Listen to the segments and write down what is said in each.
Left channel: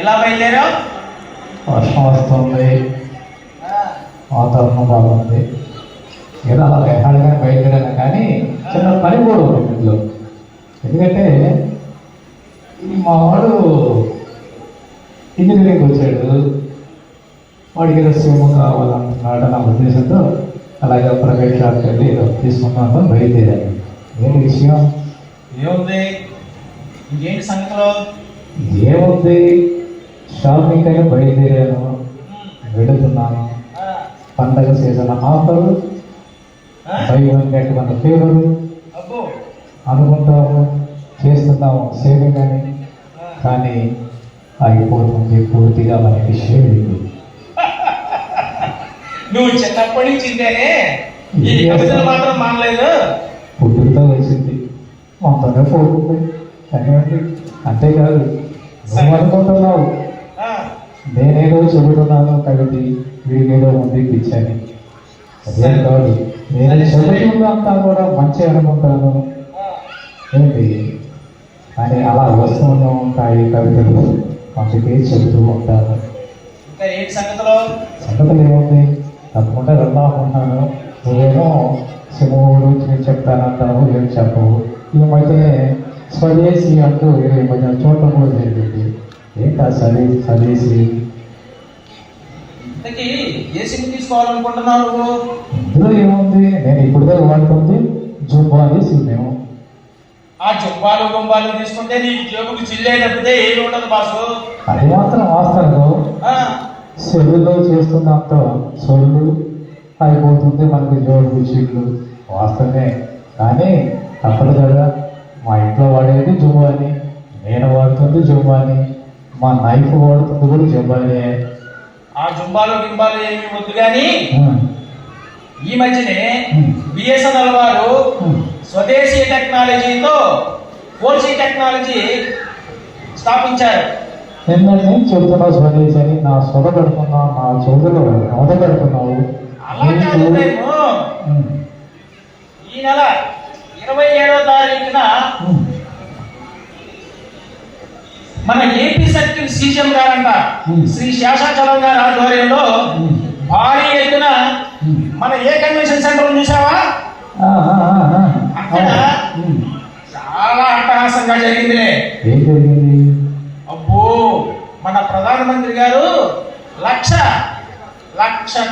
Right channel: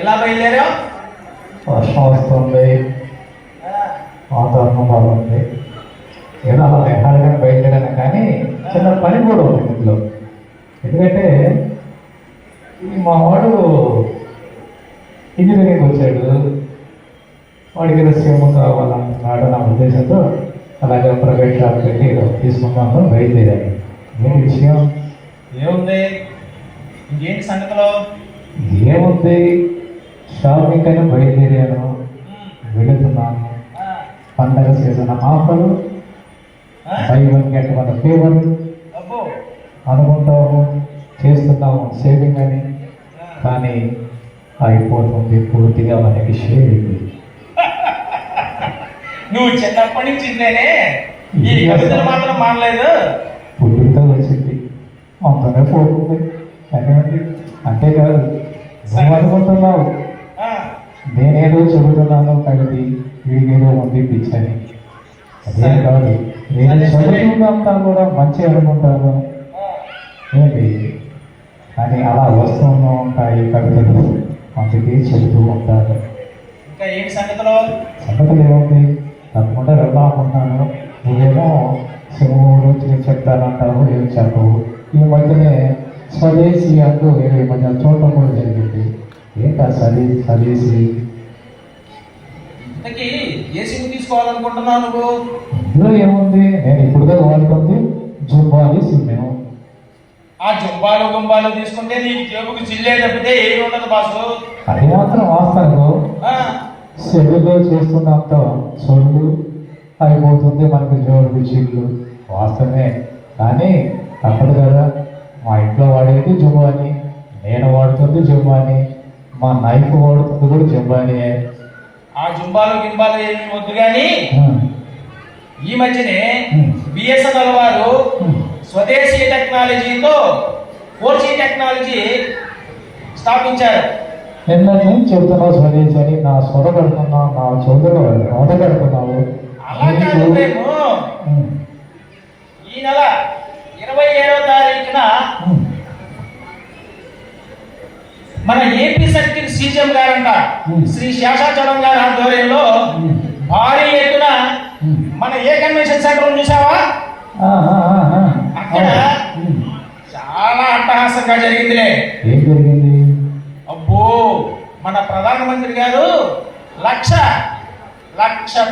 ఇలా బయలుదేరావు? వర్షం వస్తుంది, వాతావరణం బాగుంది, ఏదో అలా ఎక్కడైనా బయలుదేరాను. కానీ చిన్న పని కూడా ఉంది ఇంట్లో. ఎందుకంటే మా వాడు ఇంజనీరింగ్ వచ్చాడు, వాడికి ఏదో సేవ కావాలనుకున్నాడు నా ఉద్దేశంతో అలాగే ప్రైవేట్ షాప్కి వెళ్ళి ఏదో తీసుకున్నాను, బయలుదేరాను. ఏంటి విషయం? ఏముంది, ఇంకేంటి సంగతిలో? ఏముంది, షాపింగ్ అని బయలుదేరాను, వెళుతున్నాను. పండగ season offer, by one get one favour అనుకుంటాము, చేస్తున్నాము సేవింగ్ అని. కానీ అయిపోతుంది పూర్తిగా మనకి షేవింగ్. నువ్వు చిన్నప్పటి నుంచి ఇంటేనే ఈ కవితలు మాత్రం మానలేదు. పుట్టుకతో వచ్చింది, మొత్తంగా పోతుంది. అంతేకాదు, నువ్వు అనుకుంటున్నావు నేనేదో చదువుతున్నాను కాబట్టి వీడికేదో ఉంది పిచ్చని. అదే కాదు, నేను చదువుతున్నంతా కూడా మంచి అనుకుంటాను ఏంటి అని అలా వస్తూ ఉంటాయి కవితలు, అందుకే చెబుతూ ఉంటాను. ఇంకా ఏంటి సంగతిలో? సంగతులు ఏముంది, తప్పకుండా వెళ్దామనుకుంటున్నాను. నువ్వేమో సింహం గురించి చెప్తానంటావు, ఏమి చెప్పవు. ఈ మధ్యనే స్వదేశీ అంటూ ఈ మధ్య చూడటం కూడా జరిగింది. ఏంటి ఆ స్వదేశీ? ఏ సిమ్ తీసుకోవాలనుకుంటున్నావు నువ్వు? ఇందులో ఏముంది, నేను ఇప్పుడుగా వాడుతుంది జుంబాలి సిమ్. ఆ జుంబాలు గుంబాలు తీసుకుంటే నీ జేబుకు చిల్లే తప్పితే ఏమి ఉండదు బాసు. అది మాత్రం వాస్తవం. చెరువులో చేస్తున్నంత సొల్లు అయిపోతుంది మనకి జోడు చిల్లు, వాస్తవమే. కానీ తప్పదు కదా, మా ఇంట్లో వాడేది జుంబాని, నేను వాడుతుంది జుంబాని, మా నైఫ్ వాడుతుంది కూడా జుంబానియే. ఆ జుంబాలు గింబాలు ఏమి వద్దు కానీ ఈ మధ్యనే బిఎస్ఎన్ఎల్ వారు స్వదేశీ టెక్నాలజీతో 4G టెక్నాలజీ స్థాపించారు. నిన్న నేను చెబుతున్నా స్వదేశీ అని, నా సొద పెడుతున్నావు, నా చోదరు నోట పెడుతున్నావు. ఈ నెల 27వ తారీఖున మన ఏపీ సర్కిల్ సీఎం గారంట శ్రీ శేషాచలం గారి ఆధ్వర్యంలో భారీ ఎత్తున మన ఏ కన్వెన్షన్ సెంటర్ చూసావా, అక్కడ చాలా అట్టహాసంగా జరిగిందిలే. ఏం జరిగింది? అబ్బో, మన ప్రధానమంత్రి గారు లక్ష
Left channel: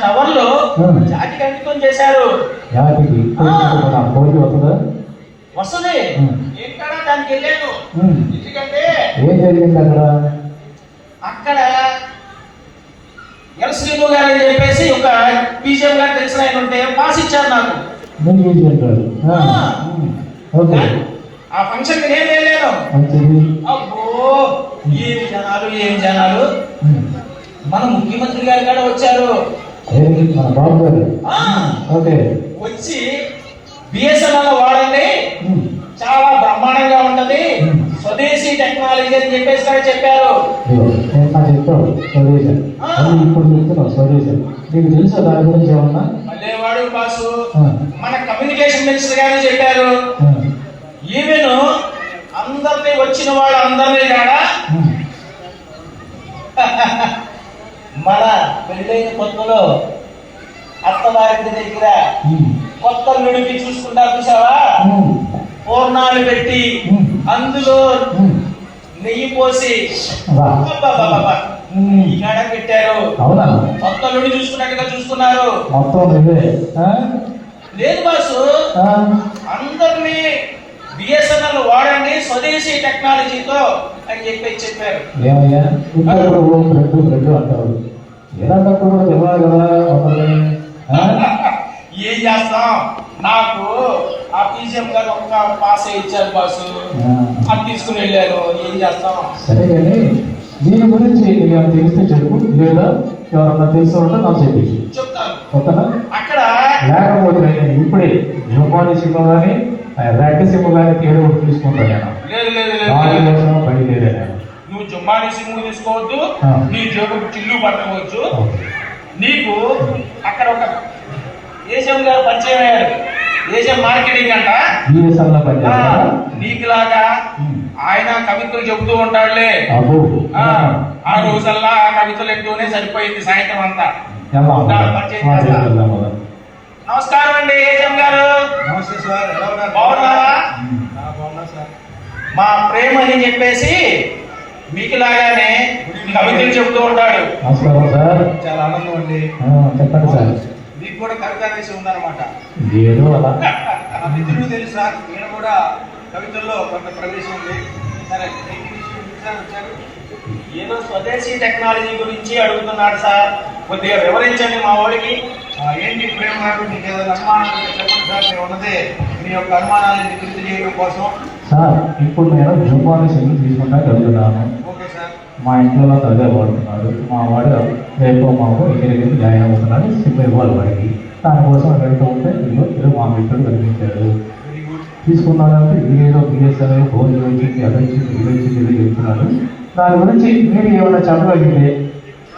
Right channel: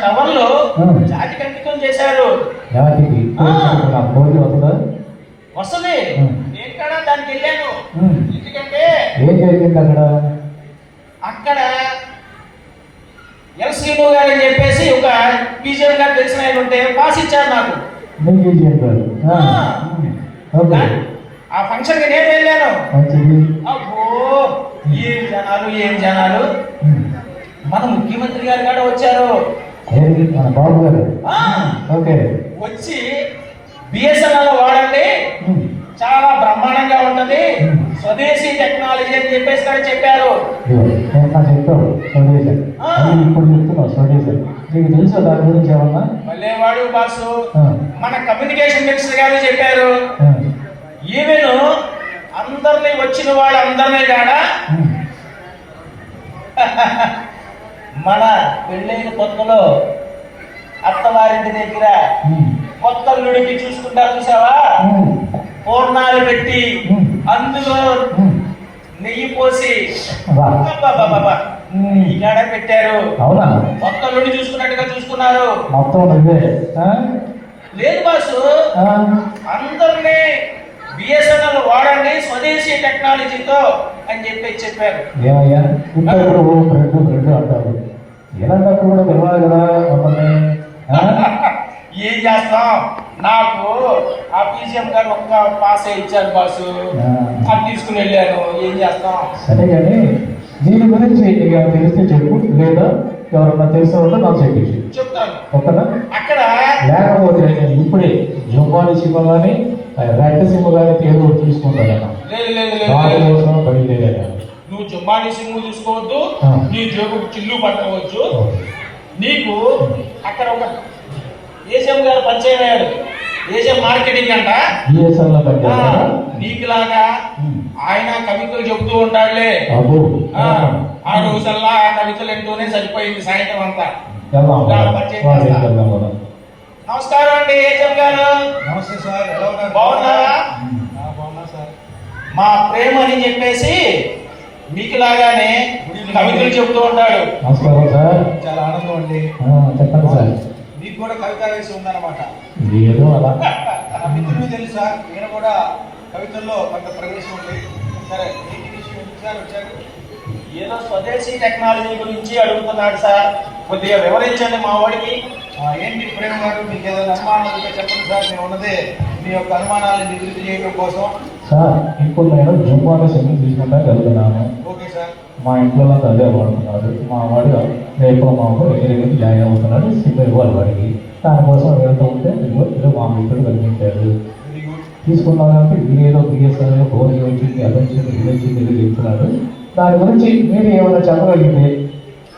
టవన్లు జాతికి అంకితం చేశారు. వస్తుంది, ఎక్కడ దానికి వెళ్ళాను. ఎందుకంటే ఏం జరిగింది అక్కడ ఎల్సీఓ గారు అని చెప్పేసి ఒక పీజీఎం గారు తెలిసిన ఆయన ఉంటే పాస్ ఇచ్చారు నాకు. ఆ ఫంక్షన్ కి నేను వెళ్ళాను. అబ్బో, ఏం జనాలు. మన ముఖ్యమంత్రి గారు కూడా వచ్చారు. వచ్చి బిఎస్ఎన్ఎల్ వాడండి, చాలా బ్రహ్మాండంగా ఉంటది, స్వదేశీ టెక్నాలజీ అని చెప్పేసి కూడా చెప్పారు. మళ్ళీ వాడు బాసు మన కమ్యూనికేషన్ మినిస్టర్ గారు చెప్పారు. ఈమెను అందరినీ వచ్చిన వాడు అందరినీ కాడా మన పెళ్ళైన కొత్తలో అత్తవారింటి దగ్గర కొత్త నుడికి చూసుకుంటా చూసావా, పూర్ణాలు పెట్టి అందులో నెయ్యి పోసి ఈగాడ పెట్టారు. కొత్త నుడి చూసుకున్నట్టుగా చూస్తున్నారు. లేదు బాసు, అందరినీ బిఎస్ఎన్ఎల్ వాడండి స్వదేశీ టెక్నాలజీతో అని చెప్పారు. ఏం చేస్తాం, నాకు ఆ పీజీఎం గారు ఒక్క పాస్ ఇచ్చారు బాసు, అది తీసుకుని వెళ్ళారు. ఏం చేస్తాం? సరే కానీ దీని గురించి తెలిస్తే చెప్పు, లేదా ఎవరన్నా తెలిసిన నాకు చెప్పి చెప్తాను. అక్కడ లేకపోతే ఇప్పుడే జోపాలి సింహం అని రెడ్ సింహం కానీ తీరు తీసుకుంటాను. నువ్వు జుమ్మాని సింహం తీసుకోవద్దు, నీ జోబుకు చిల్లు పట్టవచ్చు. నీకు అక్కడ ఒక ఏజం గారు పరిచయం అయ్యాడు. ఏజం మార్కెటింగ్ అంట. నీకులాగా ఆయన కవితలు చెబుతూ ఉంటాడులే. అబ్బో. ఆ, ఆ రోజల్లా ఆ కవితలు ఎంటూనే సరిపోయింది సాయంత్రం అంతా. వెళ్దాం. నమస్కారం అండి ఏజం గారు. నమస్తే సార్, ఎలా ఉన్నారు? బాగున్నారా? బాగున్నా సార్. మా ప్రేమ అని చెప్పేసి మీకులాగానే కవితలు చెబుతూ ఉంటాడు. నమస్కారం సార్. చాలా ఆనందం అండి. చెప్పండి సార్. మీకు కూడా కవిత వేసి ఉందన్నమాట. ఏదో అలా. నా మిత్రుడు తెలుసు సార్, ఈయన కూడా కవితల్లో కొంత ప్రవేశం ఉంది. సరే, ఏంటి విషయం ఏంటి సార్ వచ్చారు? ఏదో స్వదేశీ టెక్నాలజీ గురించి అడుగుతున్నాడు సార్. కొద్దిగా వివరించండి మా వాడికి. ఏంటి ప్రేమ గారు, మీకు ఏదైనా అనుమానాలు ఉంటే చెప్పండి సార్. నేను ఉన్నదే మీ యొక్క అనుమానాలను నివృత్తి చేయడం కోసం. సార్ ఇప్పుడు నేను జుమ్మాలో సెలవు తీసుకుంటా వెళ్తున్నాను. Okay sir. మా ఇంట్లో వాళ్ళు అదే పడుతున్నారు. మా వాడు రేపు మాకు ఇంజనీరింగ్ జాయిన్ అవుతున్నాడు. సిమ్ ఇవ్వాలి వాడికి. దానికోసం వెళ్తూ ఉంటే ఇల్లు మా మిత్రుడు కనిపించాడు. Very good. తీసుకున్నానంటే ఏదో బిఎస్ఎల్ ఫోన్ వచ్చింది, అది వచ్చింది, ఇది వచ్చింది, ఇది చెప్తున్నాడు. దాని గురించి మీరు ఏమైనా చెప్పగలిగితే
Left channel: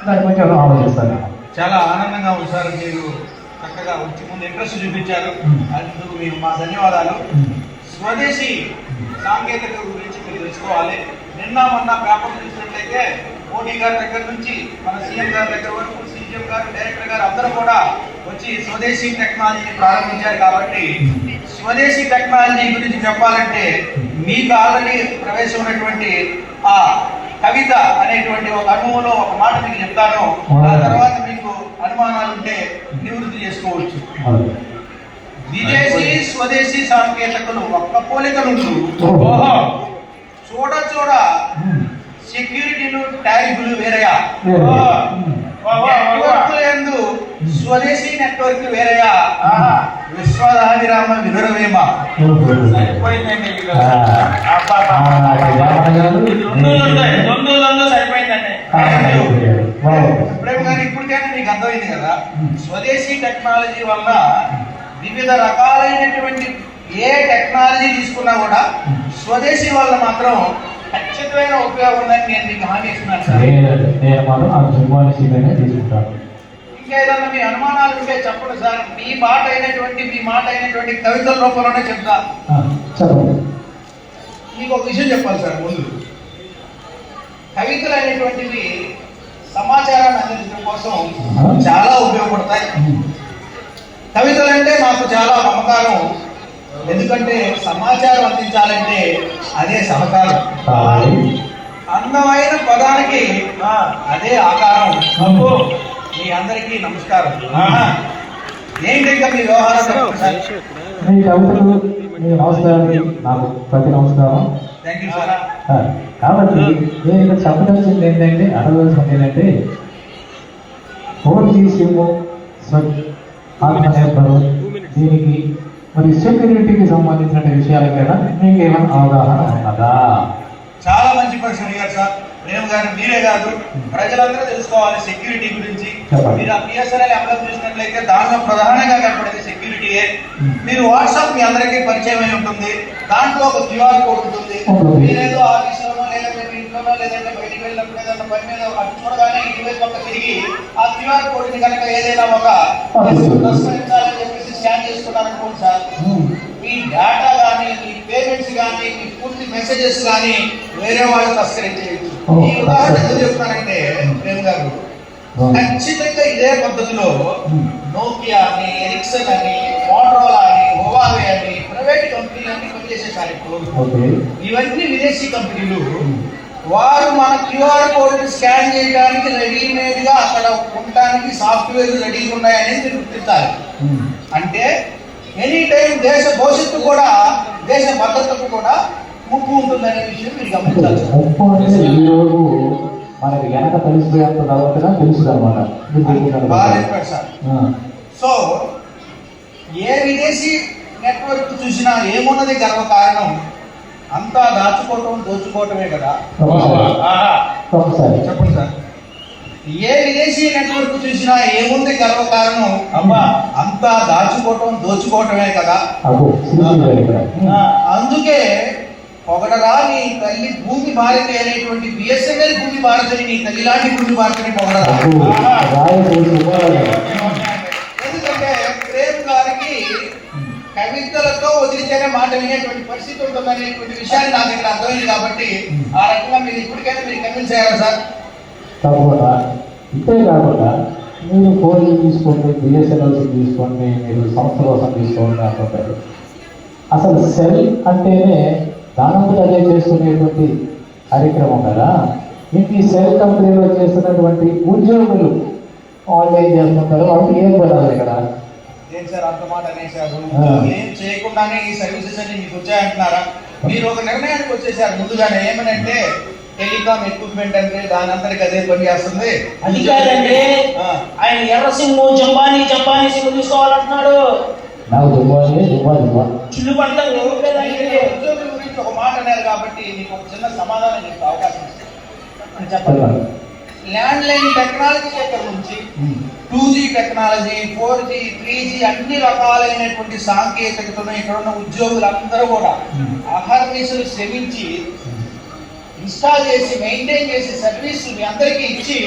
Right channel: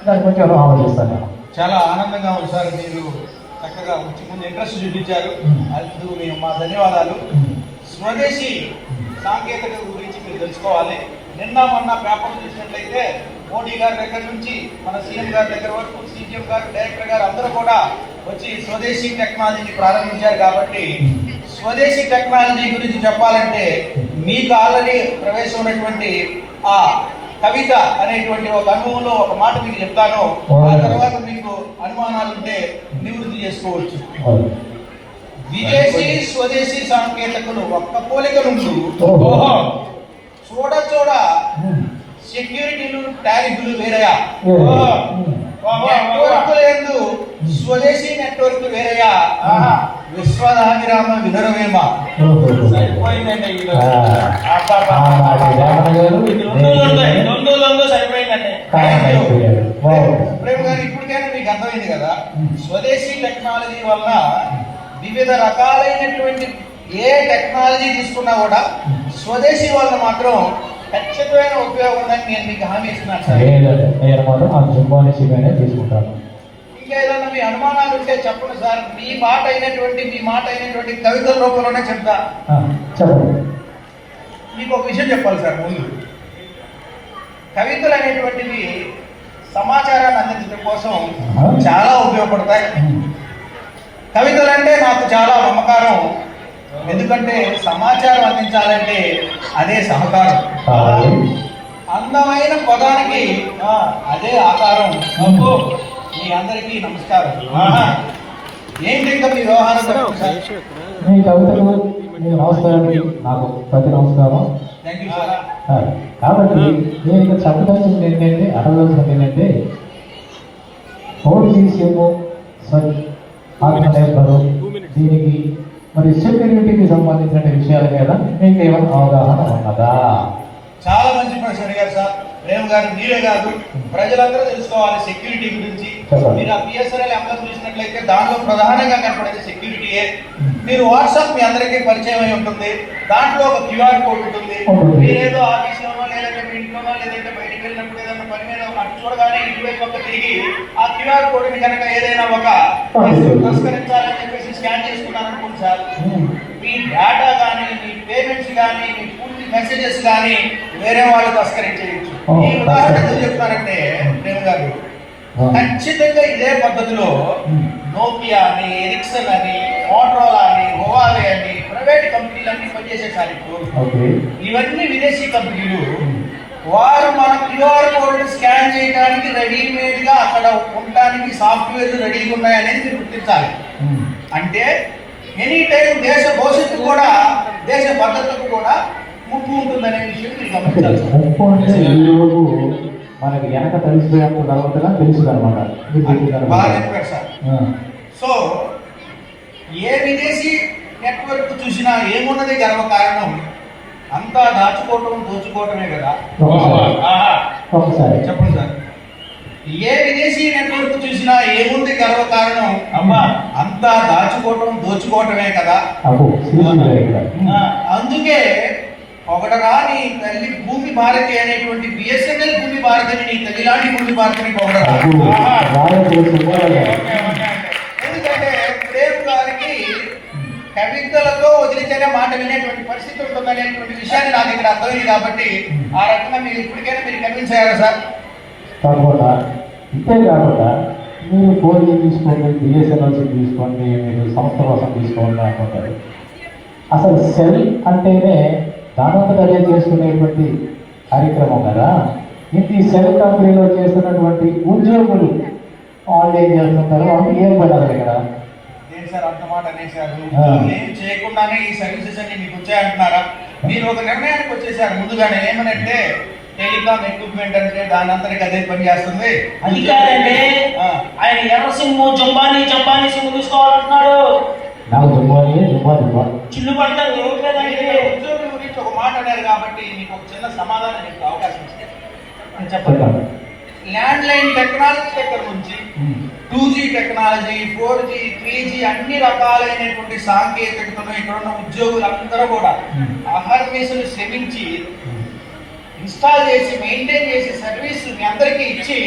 దాని గురించి ఏమైనా ఆలోచిస్తాను. చాలా ఆనందంగా ఉంది సార్, మీరు చక్కగా వచ్చి ముందు ఇంట్రెస్ట్ చూపించారు. అందుకు మేము మా ధన్యవాదాలు. స్వదేశీ సాంకేతికత గురించి మీరు తెలుసుకోవాలి. నిన్న మొన్న పేపర్ చూసినట్లయితే మోడీ గారి దగ్గర నుంచి మన సీఎం గారి దగ్గర వరకు సీఎం గారు, డైరెక్టర్ గారు అందరూ కూడా వచ్చి స్వదేశీ టెక్నాలజీని ప్రారంభించారు. కాబట్టి స్వదేశీ టెక్నాలజీ గురించి చెప్పాలంటే మీకు ఆల్రెడీ ప్రవేశం ఉన్నటువంటి ఆ కవిత అనేటువంటి ఒక అనుభవంలో ఒక మాట మీకు చెప్తాను. ఆ తర్వాత మీకు అనుమానాలు ఉంటే నివృత్తి చేసుకోవచ్చు. విదేశీ స్వదేశీ సాంకేతికలు ఒక్క పోలిక నుండి చూడ చూడ సెక్యూరిటీలు టారిఫ్లు వేరయా, నెట్వర్క్ల యందు స్వదేశీ నెట్వర్క్లు వేరయా, విశ్వదాభిరామ వినురవేమ. సరిపోయిందండి ఇది. దొందులందో సరిపోయిందండి. ప్రేమ గారు, ఇప్పటికైనా మీకు అర్థమైంది కదా, స్వదేశీ టెక్నాలజీ వల్ల వివిధ రకాలైనటువంటి ఏ టెక్నాలజీ తీసుకున్నా కూడా స్వదేశీ వల్ల మాత్రం ఖచ్చితమైన ఉపయోగం ఉందని నేను మీకు హామీ ఇస్తున్నాను సార్. నేను మాత్రం ఆ జుమ్మాని సిమ్మే తీసుకుంటాను. ఇంకా ఏదైనా మీ అనుమానాలు ఉంటే చెప్పండి సార్. మీ మాట అయినటువంటి కవితల రూపంలోనే చెప్తా. చెప్పండి. మీకు ఒక విషయం చెప్పాలి సార్. ముందు కవితలు అనేటువంటివి సమాచారాన్ని అందించడం కోసం చాలా ఉపయోగపడతాయి. కవితలు అంటే నాకు చాలా మమకారం. ఎందుకంటే సమాచారం అందించాలంటే అదే సహకారం. అందమైన పదానికి అదే ఆకారం. మీ అందరికీ నమస్కారం. ఏంటి ఇంకా మీ వ్యవహారం? మీ కవితలు మీ నమస్కారానికి నాకు ప్రతి నమస్కారం. Thank you sir. కాబట్టి నేను ఇక్కడ చెప్పదలసింది ఏంటంటే, అడగవలసింది ఏంటంటే, 4G సిమ్ ఆత్మనిర్భరం దీనికి మరి సెక్యూరిటీకి సంబంధించిన విషయాల మీద మీకు ఏమైనా అవగాహన ఉన్నదా? చాలా మంచి ప్రశ్న అడిగారు సార్. ప్రేమ్ గారు, మీరే కాదు ప్రజలందరూ తెలుసుకోవాలి సెక్యూరిటీ గురించి. మీరు ఆ పిఎస్ఎన్ఎల్ ఎంప్లాయ్ చూసినట్లయితే దానిలో ప్రధానంగా కనపడేది సెక్యూరిటీయే. మీరు వాట్సాప్ మీ అందరికీ పరిచయం అయి ఉంటుంది. దాంట్లో ఒక క్యూఆర్ కోడ్ ఉంటుంది. మీరేదో ఆఫీసులోనో లేదంటే మీ ఇంట్లోనో లేదంటే బయటికి వెళ్ళినప్పుడు ఏదైనా పని మీద అటు చూడగానే ఇటువైపు పక్క తిరిగి ఆ క్యూఆర్ కోడ్ ని కనుక ఏదైనా ఒక తస్కరించాలని చెప్పేసి స్కాన్ చేసుకున్నారనుకోండి సార్, మీ డేటా కానీ మీ పేమెంట్స్ కానీ మీ పూర్తి మెసేజెస్ కానీ వేరే వాళ్ళు తస్కరించేయచ్చు. ఈ ఉదాహరణ ఎందుకు చెప్తానంటే ప్రేమ్ గారు, ఖచ్చితంగా ఇదే పద్ధతిలో నోకియా అని, ఎరిక్సన్ అని, మోటరోలా అని, హువావే అని ప్రైవేట్ కంపెనీలన్నీ పనిచేసేసారు. ఇప్పుడు ఇవన్నీ విదేశీ కంపెనీలు. వారు మా క్యూఆర్ కోడ్ స్కాన్ చేయడానికి రెడీమేడ్ గా అక్కడ ఉండడానికి సాఫ్ట్వేర్ రెడీగా ఉన్నాయనేది మీరు గుర్తించాలి. అంటే ఎనీ టైం దేశ భవిష్యత్తు కూడా, దేశ భద్రతకు కూడా ముప్పు ఉంటుందనే విషయం మీరు గమనించాలి. ముప్పు అంటే ఈ రోజు మనకి వెనక తెలిసిపోయేంత తర్వాత తెలుసు అనమాట. బాగా చెప్పారు సార్. సో ఏ విదేశీ నెట్వర్క్ చూసినా ఏమున్నది గర్వ కారణం, అంతా దాచుకోవటం దోచుకోవటమే కదా. చెప్పండి సార్. ఏ విదేశీ నెట్వర్క్ చూసినా ఏముంది గర్వ కారణం, అమ్మా అంతా దాచుకోవటం దోచుకోవటమే కదా. అందుకే పొగడరా నీ తల్లి భూమి భారతి అనేటువంటి బిఎస్ఎన్ఎల్ భూమి భారతిని నీ తల్లి లాంటి భూమి భారతిని పొగడరా. ఎందుకంటే ప్రేమ్ గారికి కవితలతో వదిలితేనే మాట వినేటువంటి పరిస్థితి ఉంటుందనేటువంటి విషయాన్ని నాకు ఇక్కడ అర్థమైంది కాబట్టి ఆ రకంగా మీరు ఇప్పటికైనా మీరు కన్విన్స్ అయ్యారు సార్. కాకుండా ఇంతే కాకుండా మీరు 4G తీసుకోండి, బిఎస్ఎన్ఎల్ తీసుకోండి, మీరు సంస్థ కోసం తీసుకోండి అనుకుంటారు. అసలు సెల్ అంటేనే దానంతట అదే చేసుకునేటువంటి కార్యక్రమం కదా. ఈ సెల్ కంపెనీలో చేస్తున్నటువంటి ఉద్యోగులు వాళ్ళు ఏం చేస్తుంటారు, వాళ్ళు ఏం పడాలి కదా. ఏం సార్ అర్థమాట అనేసారు, ఏం చేయకుండానే ఈ సర్వీసెస్ అన్ని మీకు వచ్చాయంటున్నారా? మీరు ఒక నిర్ణయానికి వచ్చేసారు ముందుగానే, ఏమనంటే టెలికామ్ ఎక్విప్మెంట్ అంటే దాని అందరికి అదే పని చేస్తుంది. అది కాదండి, ఆయన ఎవరు సిమ్ జంపానీ సిమ్ తీసుకోవాలంటున్నాడు. నాకు దుబ్బాయి చిల్లు పడతా ఉద్యోగుల గురించి ఒక మాట అన్నారు కాబట్టి మీకు ఒక చిన్న సమాధానం చెప్పే అవకాశం ఇస్తే చెప్పండి. ల్యాండ్ లైన్ టెక్నాలజీ దగ్గర నుంచి 2G టెక్నాలజీ, 4G, 3G అన్ని రకాలైనటువంటి సాంకేతికతను ఇక్కడ ఉన్న ఉద్యోగులందరూ కూడా ఆహార్మేసులు శ్రమించి ఇన్స్టాల్ చేసి మెయింటైన్ చేసి సర్వీస్ మీ అందరికీ ఇచ్చి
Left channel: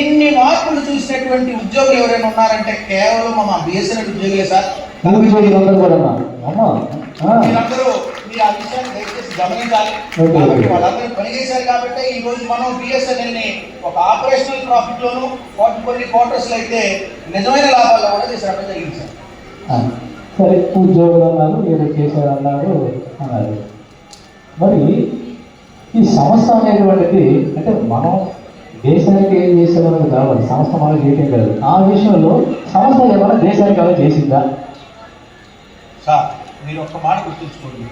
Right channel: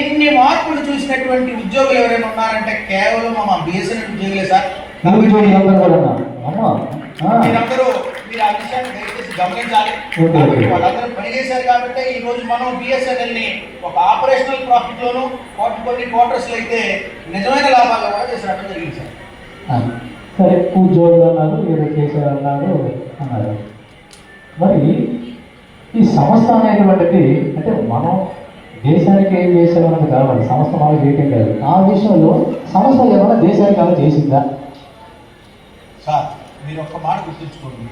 ఇన్ని మార్పులు చూసినటువంటి ఉద్యోగులు ఎవరైనా ఉన్నారంటే కేవలం మా బిఎస్ఎన్ఎల్ ఉద్యోగులే సార్. మీరందరూ మీరు ఆ విషయాన్ని దయచేసి గమనించాలి. వాళ్ళందరూ పనిచేశారు కాబట్టి ఈ రోజు మనం బిఎస్ఎన్ఎల్ ని ఒక ఆపరేషనల్ ప్రాఫిట్ లోను కొన్ని క్వార్టర్స్ అయితే నిజమైన లాభాలు కూడా చేశారు జరిగింది సార్. సరే, ఉద్యోగులు అన్నారు, ఏదో చేశారు అన్నారు. మరి ఈ సంస్థ అనేటువంటిది అంటే మనం దేశానికి ఏం చేసేవాళ్ళకి కావాలి, సంస్థ మనం చేయటం కాదు. ఆ విషయంలో సంస్థ ఏమైనా దేశానికి ఏమైనా చేసిందా? సార్ మీరు ఒక్క మాట గుర్తుంచుకోండి,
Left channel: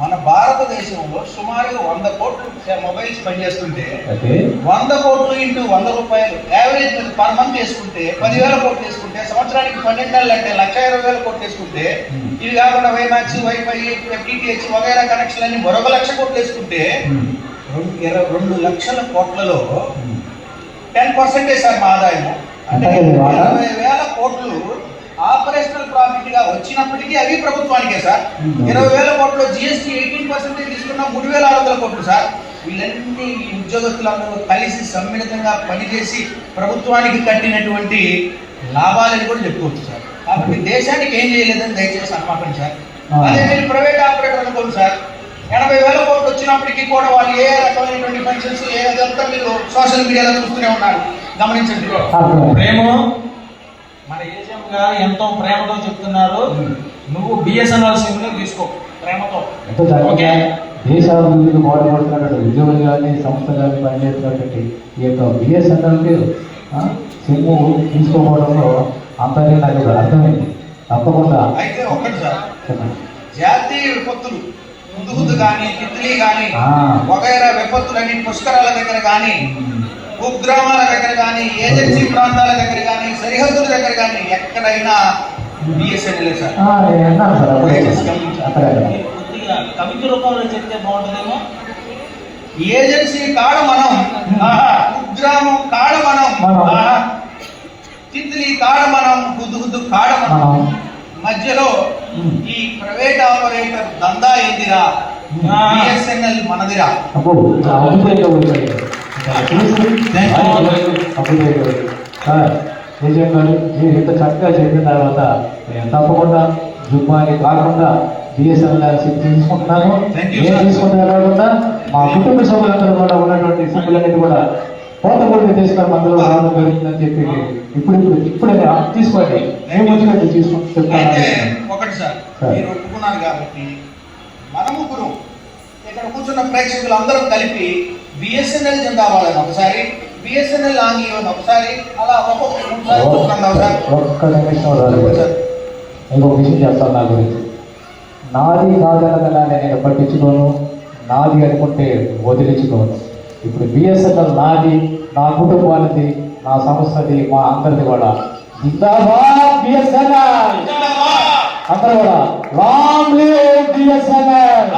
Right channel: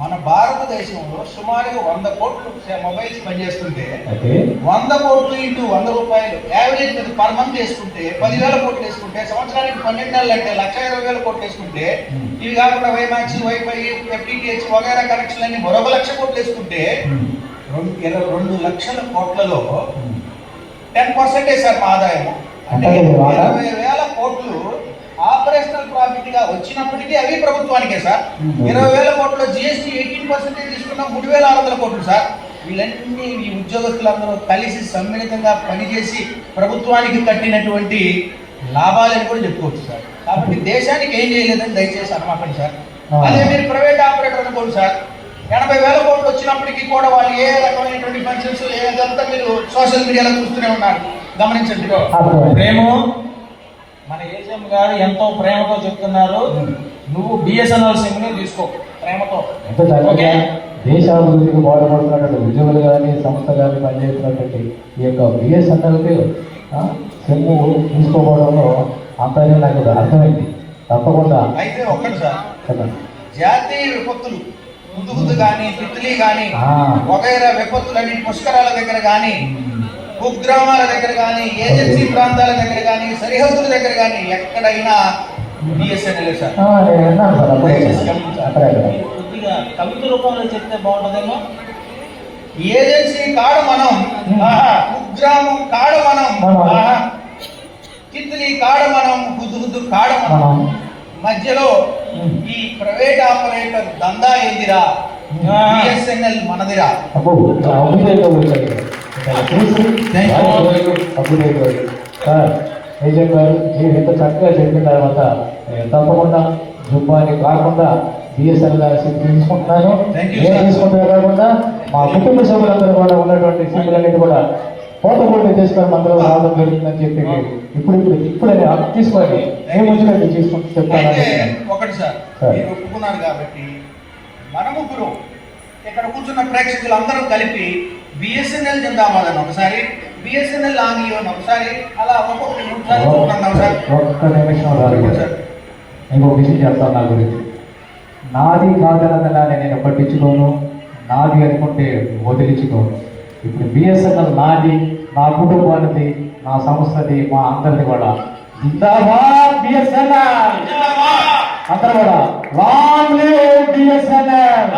మన భారతదేశంలో సుమారు 100 కోట్లు మొబైల్స్ పనిచేస్తుంటే 100 కోట్లు ఇంటూ 100 రూపాయలు యావరేజ్ పర్ మంత్ వేసుకుంటే 10,000 కోట్లు వేసుకుంటే సంవత్సరానికి 12 నెలలు అంటే 1,20,000 కోట్లు వేసుకుంటే ఇవి కాకుండా వైమాక్స్, వైఫై, FTTH వగైరా కనెక్షన్ అన్ని మరొక 1,00,000 కోట్లు వేసుకుంటే 2 లక్షల కోట్లలో 10% సార్ మా ఆదాయం. అంటే 20,000 కోట్లు ఆపరేషనల్ ప్రాఫిట్ గా వచ్చినప్పటికీ అవి ప్రభుత్వానికే సార్. 20,000 కోట్ల జిఎస్టీ 18% తీసుకున్న 3,600 కోట్లు సార్. వీళ్ళన్నీ ఈ ఉద్యోగస్తులందరూ కలిసి సమ్మిళితంగా పనిచేసి ప్రభుత్వానికి కట్టినటువంటి లాభాలని కూడా చెప్పుకోవచ్చు సార్. కాబట్టి దేశానికి ఏం చేయలేదని దయచేసి అనుమానం సార్. అదే మీరు ప్రైవేట్ ఆపరేటర్ అనుకోండి సార్, 80,000 కోట్లు వచ్చినప్పటికీ కూడా వాళ్ళు ఏ రకమైనటువంటి ఫంక్షన్స్ ఏదంతా మీరు సోషల్ మీడియాలో చూస్తూనే ఉన్నారు, గమనించండి. ప్రేమ మన ఏజెం గారు ఎంతో ప్రేమతో చెప్తున్నారు, నువ్వు బిఎస్ఎన్ఎల్ సిమ్ ని తీసుకో ప్రేమతో. ఓకే, దేశాభివృద్ధికి బాధపడుతున్నటువంటి ఉద్యోగులు కానీ సంస్థ కానీ పనిచేస్తున్నటువంటి ఈ యొక్క బిఎస్ఎన్ఎల్కి సిమ్ తీసుకోవడంలో అంతగా నాకు అర్థమైంది. తప్పకుండా అయితే ఒక్కటి సార్, జాతీయ విపత్తులు ముందు కానీ తిత్లీ కానీ వగైరా విపత్తులని పుష్కరాల దగ్గర కానీ కుగ్రామాల దగ్గర కానీ ఏజెన్సీ ప్రాంతాల దగ్గర కానీ సరిహద్దుల దగ్గర కానీ ఎక్కడైనా బిఎస్ఎన్ఎల్ సార్. కొద్దిగా కవిత రూపంలో చెప్తే బాగుంటుందేమో. ఏజెన్సీ కాడ మనం, కుగ్రామం కాడ మనం, తిత్లీ కాడ మనం, హుద్దు కాడ మనం, మధ్యలో ఈ ప్రైవేట్ ఆపరేటర్ దందా ఏందిరా, బిఎస్ఎన్ఎల్ మనదిరా. ఏజెంట్ గారు మీరు ఇంత చక్కగా చెప్పిన తర్వాత నేను తప్పకుండా జుమ్మాని కాకుండా బిఎస్ఎన్ఎల్ సిమ్ తీసుకుంటున్నాను. నేను తీసుకుంటే కాకుండా మా కుటుంబ సభ్యులందరూ కూడా ఉన్నటువంటి సిమ్లన్నిటి కూడా పోతపూర్తి తీసుకొని అందులో రావడం జరుగుతుందని చెప్పి ఇప్పుడే తీసుకోండి. ఏం వచ్చినట్టు తీసుకుంటూ చెప్తాను. ఒకటి సార్, మీరు ఒప్పుకున్నారు కాబట్టి మన ముగ్గురు ఇక్కడ కూర్చున్న ప్రేక్షకులు అందరూ కలిపి బిఎస్ఎన్ఎల్ జిందాబాద్ ఒకసారి, బిఎస్ఎన్ఎల్ ఆంగ్లీ ఒకసారి, అలా ఒక్క నిమిషం ఇంకో విషయం చెప్తాను నా గురించి. నాది కాదనగా నేను పట్టించుకోను, నాది అనుకుంటే వదిలించుకోను. ఇప్పుడు బిఎస్ఎన్ఎల్ నాది, నా కుటుంబానికి, నా సంస్థది, మా అందరిది కూడా జిందాబాద్ బిఎస్ఎన్ఎల్. అందరూ కూడా లాంగ్ లివ్ బిఎస్ఎన్ఎల్.